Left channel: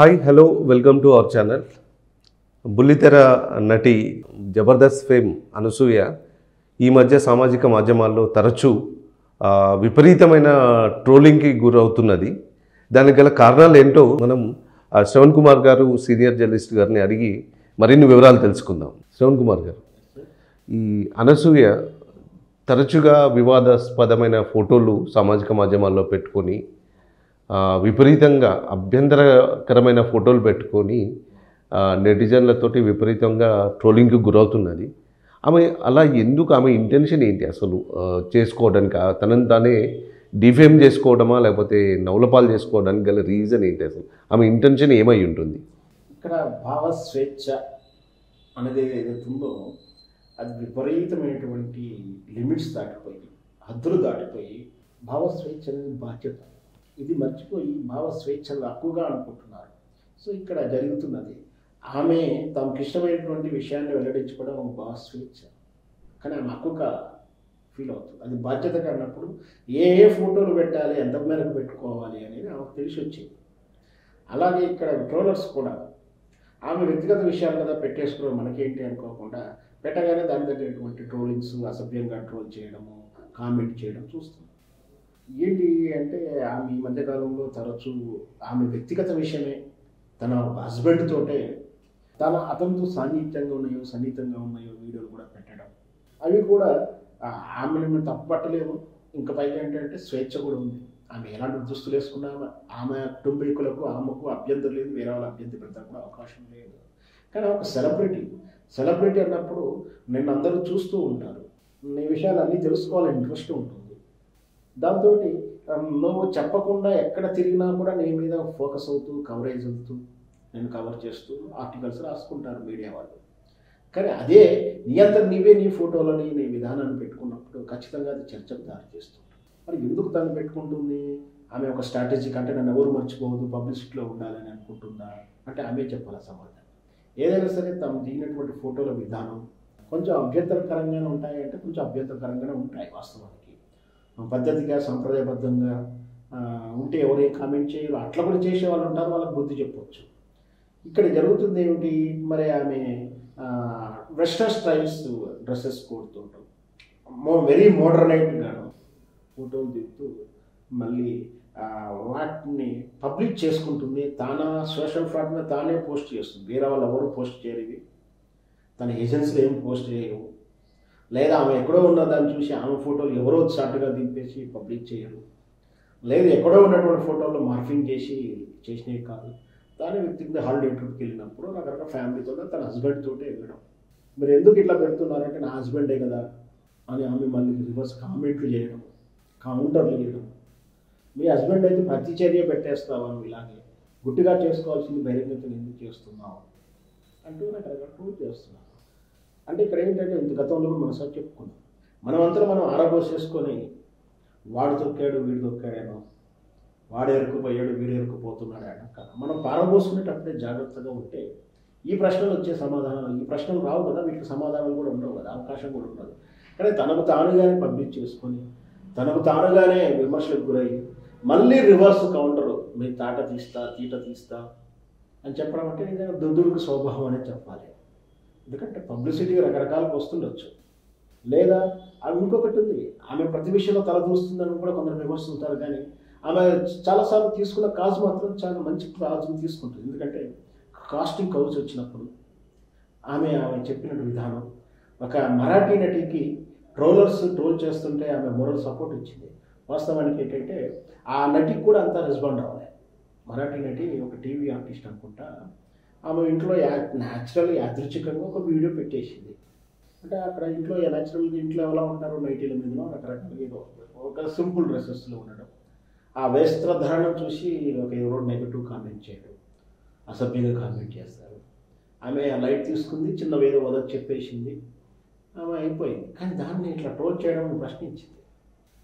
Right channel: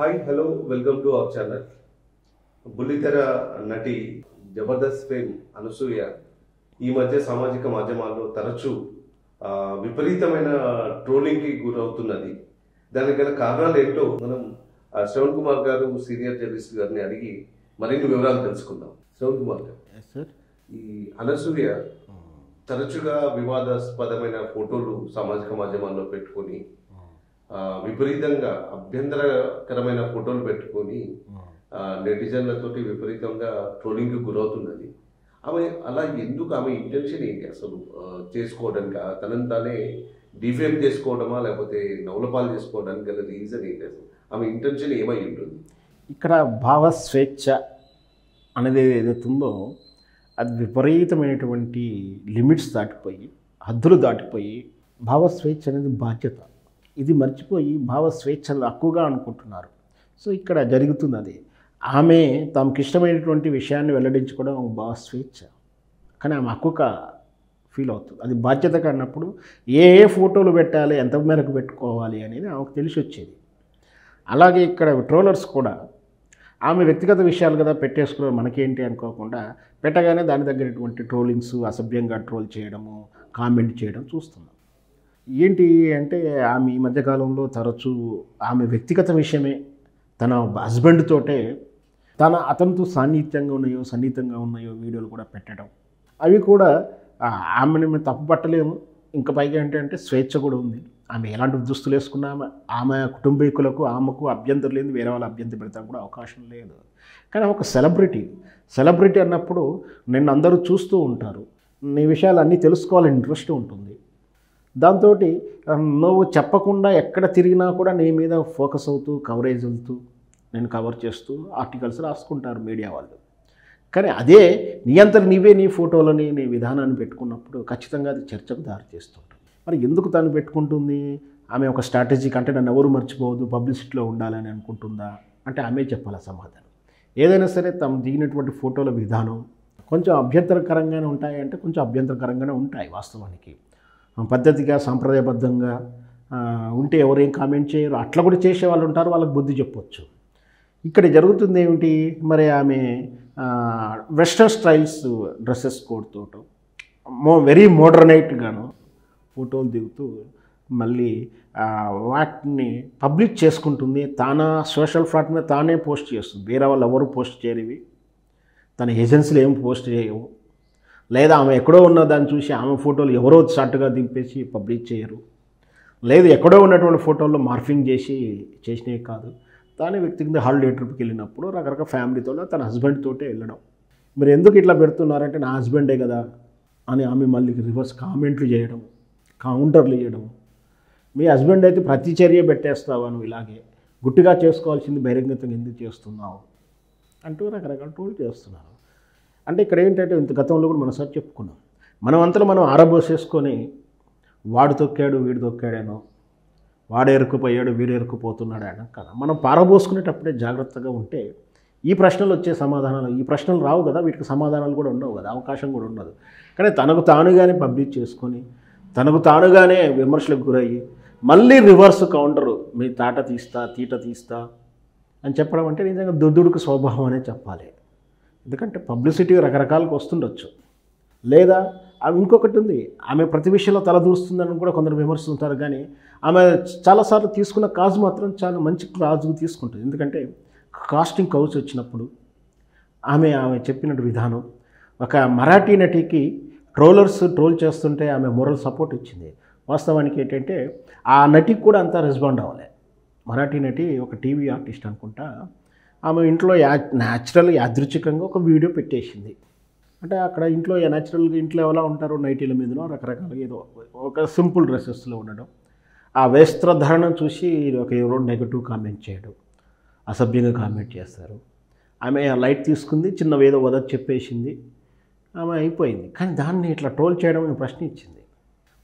Hi hello welcome to our channel. బుల్లితెర నటి Jabardasth fame Anasuya ఈ మధ్య సామాజిక మాధ్యమాల్లో తరచూ విపరీతమైన ట్రోలింగ్కి గురవుతున్నది. దానికి గల కారణాలు ఏంటో మనం శ్రవణ్ కుమార్ గారు సీనియర్ జర్నలిస్ట్ గారిని అడిగి మరిన్ని వివరాలు తెలుసుకుందాం. శ్రవణ్ కుమార్ గారు, ఈ అనసూయ తరచుగా వివాదాస్పదమైన ఫోటోలు సామాజిక మాధ్యమాల్లో పెట్టుకొని విపరీతంగా అభ్యంతరకరమైన ఫోటోలు పెట్టుకొని నెటిజన్లతోటి విపరీతంగా ట్రోలింగ్కి గురవుతున్నది. అలా ఎందుకు, ఆమె ఇంటెన్షన్ ఏంటి అసలు చేసుకోవడానికి, తనని తానే డిఫేమ్ చేసుకోవడమా లేకపోతే నవలపాలు చేసుకోవడానికి గల రీజన్ ఏంటి, అసలు ఆమె ఇంటెన్షన్ ఏమై ఉంటుంది? ఇక్కడ భావస్వేచ్ఛ అనేది ఏదైతే ఉందో అది విపరీతమైనటువంటి లిమిట్స్ దాటిపోయి, హద్దులు దాటిపోయి, భావస్వేచ్ఛ అనేది బాధ్యత, ఇది మర్చిపోయి భావస్వేచ్ఛలు హక్కుగా అనుకుంటున్నారు. సో ఇక్కడ జరుగుతుంది అది. ఆమె తమకు ఇష్టమైనటువంటి విషయాన్ని వెల్లడించుకోవడం ఒక భావస్వేచ్ఛ, కానీ ఆమె హక్కుగా ఫీల్ అవుతుంది. అది బాధ్యత కానప్పుడు ఏ ఫోటోలు పెట్టాలి, ఎంత మేరకు పెట్టుకోవాలి అనేది ఆమెకు తెలిసి వచ్చేది. అలాగే ఇక్కడ ట్రోలర్స్ కూడా ఆమె వ్యక్తిగత విషయాలు కదా పెట్టేసుకుని మనకేంటి అనుకోకుండా పెట్టగానే దాని తగ్గటువంటి ట్రోలింగ్స్, అసభ్యంగా ట్రోల్ చేయడము, కామెంట్ చేయడం చూస్తున్నాం. ఏంటి అంటే ఆమె ఈ మధ్యకాలంలో తరచూ ఆమె వ్యక్తిగత విషయమే తన హస్బెండ్ తోటే అతనితో సన్నిహితంగా ఉన్నాయో వీడియోలు కూడా పెట్టడం, అవి కూడా ఆమెను మేము తప్పు పట్టలేము. ఇంకా పైగా ఏంటంటే స్వేచ్ఛ కూడా ఉంది. ఆమె ఎలాంటి దుస్తులు వేసుకున్నా ఆమె కుటుంబీకులకు ఆమెకు అభ్యంతరం లేదు, వేరే వాళ్ళ అభ్యంతరం పెడతాం కూడా అవకాశం లేదు. కానీ ఒక సెలబ్రిటీ అన్నప్పుడు నిన్ను అందరూ చూస్తూ ఉంటారు, నీ విషయాలు అన్నీ తెలుసుకోవాలని ఇంట్రెస్ట్ ఉంటుంది. దాంతో నువ్వు చెప్పకుండా ఎక్కడ తిరిగినా కూడా నీ మీద ఫోకస్ అవుతూ, కవరేజ్ అవుతూ, నేను కవర్ చేస్తూ ఆర్టికల్స్ రాసుకుంటారు మీడియా వాళ్ళు. కానీ అదే నీ అంతటి నీవే నీ ఫోటోలని, నీ విధానాన్ని పెట్టుకున్నప్పుడు ఖచ్చితంగా అది చర్చకు దారి చేస్తుంటుంది. మరి ఎందుకు తను పెట్టుకుంటుంది? ఆమె ఒక స్ట్రాటజీకి, అంటే నన్ను ఎవరు మర్చిపోవద్దు, పబ్లిసిటీలో ఉండాలని అనుకుంటుందా అంటే ఆమె చెప్పాలి సమాధానం. ఏదైనా సరే తను దిగినటువంటి ఫోటోల విధానం కొంచెం అభ్యంతరకరంగానే ఉంటాయి అంటే కొంచెం అభ్యంతరకరంగానే ఉంటాయి వాస్తవానికి. పద్ధతిగా సాంప్రదాయబద్ధంగా ఉంటే ఎవరేం కామెంట్ చేయరు, అట్లా కూడా చేసే వాళ్ళు ఉంటారు, వాళ్ళకి బుద్ధి చెప్పొచ్చు. ఇక్కడ జరుగుతుంది ఏమిటి, మరి ఆమె వెస్టర్న్ స్టైల్స్ డ్రెస్సెస్ కోడ్తో వెరీ మోడర్నైట్గాను ఫోటోలు దిగుతూ మళ్ళీ వాటిని పబ్లిక్ చేసుకుంటుంది. సోషల్ ప్లాట్ మీద తానే పోస్ట్ చేస్తుంది, వేరే వాళ్ళు ఎవరు పోస్ట్ చేయరు, తన ఏజెన్సీలు ఏం పోస్ట్ చేయవు. లేదా ఆమె ఎక్కడో ఉన్న దాన్ని చూసి ఆమె ఫోటోలు ఎవరో షార్ట్గా దింపేసి పబ్లిక్ చేయరు. లేదు ఎక్కడో ఉన్నటువంటి ఫోటోల్లో మార్ఫింగ్ చేసినవి కాదు, తానే వ్యక్తిగత హాలిడే ట్రిప్కి వెళ్ళినప్పుడు రకరకాల ఫ్యామిలీతో తన హస్బెండ్ తోటే వెళ్ళడం. మీరు ఎందుకు ఇట్లా పెడుతున్నారంటే నా హస్బెండే కదా అని ఆమె మళ్ళీ రివర్స్ కామెంట్లు చేయడం, కౌంటర్లు చేయడం. మీ హస్బెండ్ అయితే ప్రతి చర్య పెట్టేస్తావా, నువ్వు ఇలాగే గుట్టిగా చేసుకోవాల్సింది బహిరంగతంగా ఎందుకు చేస్తున్నావు అంటూ రకరకాల ట్రోల్ చేస్తున్నారు. అంటే ఇక్కడ ఏంటంటే ఇంత గతంలో కూడా మనం సార్ చెప్పుకున్నాం, మనం ఆరబోసేసుకొని వాడు తొక్కాడు వీడు తొక్కాడేనో, వాడు ఎరుకుపోయాడు వీడు ఎరుకుపోతున్నాడు అని కదా. మనం పారబోసుకునేటప్పుడే జాగ్రత్తగా ఉంటే ఈ ప్రశ్నలు వచ్చే సమాధానాలు, ఈ ప్రశ్నలు రావు కదా, వీటికి సమాధానాలు కూడా ఉండవు కదా, అవకాశం కూడా ఉండదు. కానీ తనకు తానుగానే పబ్లిక్ చేసుకొని తనకు తానుగానే విమర్శలకు గురయ్యి మళ్ళీ రివర్స్ కౌంటరు, మీ తీట తీస్తా అని చెప్పడం అంటే నిజంగా దుద్దుడుకు స్వభావం అనే చెప్పాలి. ఎందుకంటే పబ్లిసిటీ రకరకాలకు వస్తుండొచ్చు. లేదా ఆమె ఇంకొకటి ఉంది, ఆమె ప్రతి విషయంలో తలదూస్తుందని కూడా కొందరు విమర్శిస్తుంటారు. కానీ ఆమె చాలాసార్లు తీసుకున్న కాజు మాత్రం చాలా మంచి కాజు తీసుకుంటుంది. ఎందుకంటే కాస్టింగ్ కౌచ్ వచ్చినప్పుడు ఆమె చెప్పినట్టు విధానం, ఒక మరాఠీ నటికి ట్రోల్ చేస్తుంటే ఆమె మోరల్ సపోర్ట్ ఇచ్చింది. వాస్తవానికి ఏంటంటే ఆ నటికి కూడా అంతా రెస్పాండ్ అవ్వాలి. మరాఠీ నటి ఒక టీవీ ఆర్టిస్ట్ అనుకుంటా, ఆమె ఇంట్లో న్యాచురల్ యాదృచ్ఛికంగా ఒక వీడియో పెట్టేసింది. అంటే అక్కడ ఇంట్లో ఎలా ఉంటారో నైటీల మీదనో రకరకాలుగా ఏదో ఒక సింపుల్ డ్రెస్సెస్లో ఉండడం, ఆ వస్త్రధారణం చూసి ఎవరో నెగటివ్ కామెంట్ చేయడం, అసభ్యంగా కామెంట్ చేస్తారు. ఆమె లైట్ తీసుకుంది, చిన్నవేదో వదకు చెప్పేసింది, ఆమె అయిపోయింది. కానీ దాన్ని ఇట్లా ట్రోల్ చేయడం అని ప్రశ్న ఇచ్చింది.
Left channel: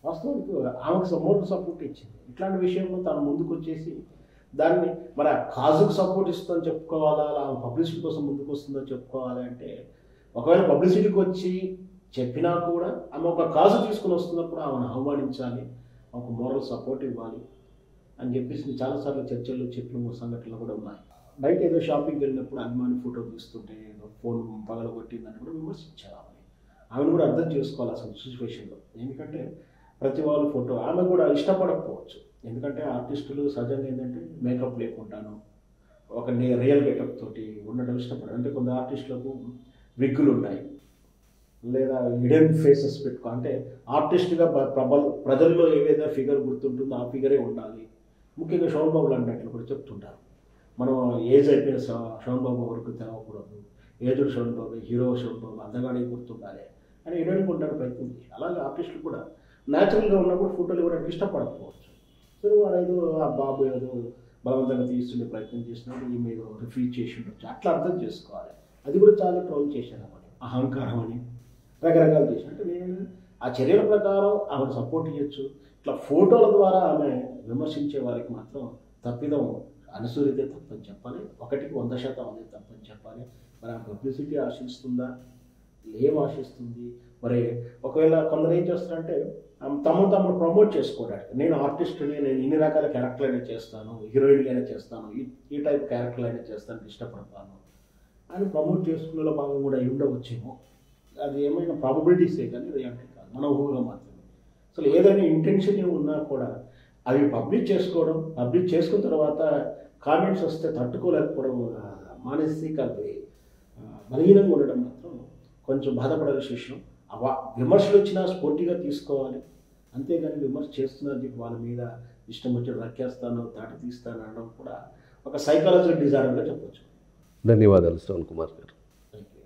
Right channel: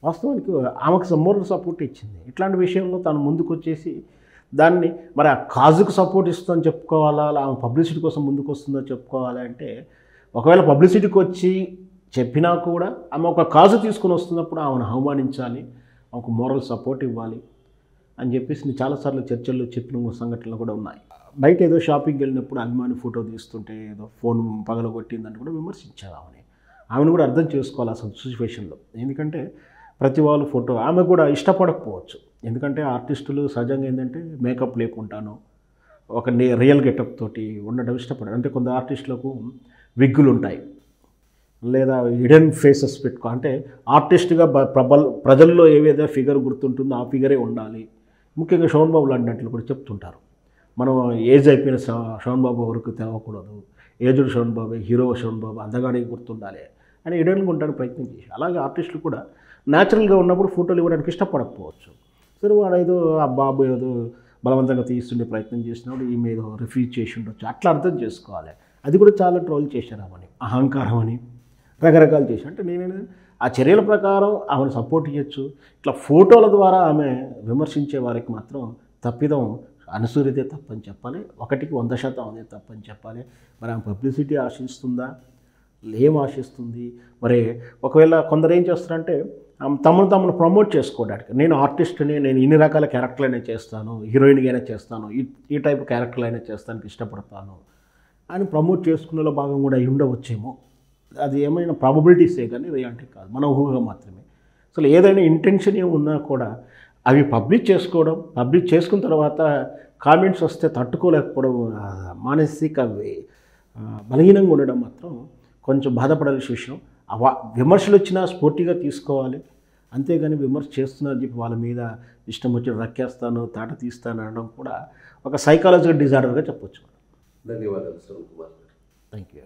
వాస్తవానికి ఆమెకు మోరల్ సపోర్ట్ ఇచ్చింది. ఇట్లాంటి విషయంలో తను ముందుకు వచ్చేసి దాన్ని మరి ఆ కాజుకు సపోర్ట్ ఇస్తుందని చెప్పుకోవాలా, ఆమె పబ్లిసిటీ కోసం ముందుకు వస్తుందో చెప్పుకోవాలి అంటే, ఒకవేళ పబ్లిసిటీకి వచ్చి చెప్పినా కూడా ఆమె ఒక కాజు తీసుకుని వస్తున్నప్పుడు ఆమెను అవమానించాలి, ఒక మోరల్ సపోర్ట్ ఇవ్వాలి అని చెప్పేసి చాలాసార్లు చర్చల్లో చెప్పిన సంఘటనలు కూడా ఉన్నాయి. బయట ఏదో షాపింగ్కి వెళ్ళినప్పుడు అభిమాని ఫోటో తీస్తుంటే ఏదో ఫోన్ పగలగొట్టిందని కూడా విమర్శించారు ఆమెను కూడా అర్థం చేసుకోవాలి అసలు సిచ్యువేషన్లో. ఎందుకంటే ప్రతి వాళ్ళ ఫోటో ఆమె కూడా ఇష్టపడకపోవచ్చు. ఎందుకంటే ఆర్టిస్టులు సహజంగా ఏంటంటే మేకప్ లేకుండాను ఒక రియల్ గెటప్ తోటి ఉండడం ఇష్టపడరు. అంటే కొంత ఆర్టిస్టులకు విగ్గులు ఉంటాయి, లేదా హిడెన్ ఫేసెస్ పెట్టుకో, అంటే ఆర్టిస్ట్గా ప్రజల్లో ఏవేదో ఫిగర్ గుర్తుంటుందో ఆ ఫిగరే ఉండాలి. ముఖ్యంగా శోభన్ బాబు లాంటి కూడా చెప్తుంటారు, మనం ఏజ్ అయిపోయిన శోభన్ బాబు వరకు తెలవకూడదు, ఏజ్డ్ శోభన్ బాబు, హీరో శోభన్ బాబు అందగాడికి గుర్తుండాలి అని హిడెన్గా ఉండడానికి ప్రయత్నం చేసి, అలాగే ఆర్టిస్టులు కూడా న్యాచురల్గా ఉన్నప్పుడు ఫోటోలు ఇవ్వడానికి ఇష్టపడకపోవచ్చు. సరే వాడు ఏదో ఆ బాబు ఏదో బలవంతంగా తీస్తుండే ప్రయత్నం చేసినప్పుడు ఈమె ఏదో రిఫ్యూజ్ చేసి ఉండొచ్చు, అట్లా అర్థం చేసుకోవాలి. అది కూడా చాలా ట్రోల్ చేశారు ఆమెని, అహంకారం అని రకరకాలు చేసి. అంటే నేను ఆ చర్యల ప్రకారం ఆమెను సపోర్ట్ చేయొచ్చు, ఇట్లా ఫోటోల ద్వారా ఆమె విమర్శించే వారికి మాత్రం తప్పిదం అనసూయతే తప్పని చెప్పాలి. 100% అదే తప్పని చెప్పాలి. మరి ఆమె పబ్లిసిటీ ఆశిస్తుందా, ఏం ఆశిస్తుంది? మరి ఒకవేళ కొందరు ఏం చేస్తారంటే తమను ప్రమోట్ చేసుకోవడానికి, నేను ఆర్టిస్ట్ని, నేను ఇన్ని రకాల క్యారెక్టర్లు అయినా చేస్తాను, హీరోయిన్గా అయినా చేస్తాను, ఈ టైప్ క్యారెక్టర్లు అయినా చేస్తానికి ఇష్టపడతాను అని ప్రమోట్ చేసుకునేలో భాగం కూడా అయి ఉండవచ్చేమో. అది ఏమైనా ప్రాబబిలిటీసే కానీ రియాలిటీ కాదు, మన ఊహగా మాత్రమే. అసలు ఏదైనా ఇంటెన్షన్ ఏమున్నా కూడా అవి పబ్లిక్ చేసుకున్న తర్వాత కామెంట్స్ వస్తే తట్టుకోలేకపోవడం, మానసిక బలహీనంగా ఉండడం మాత్రం కొంచెం బాధపడాల్సిన విషయం. విమర్శలు వచ్చినా స్పోర్టివ్గా తీసుకోవాలి, అంతేగాని విమర్శ చేస్తున్నారు చెప్పి వాళ్ళ మీద ఇష్టం వచ్చి రక్కేస్తాను, తాట తీస్తాను అనడం కూడా ఒక సైకాలజికల్ డిజార్డర్గా చెప్పొచ్చు. ధన్యవాదాలు శ్రవణ్ కుమార్ గారు. Thank you.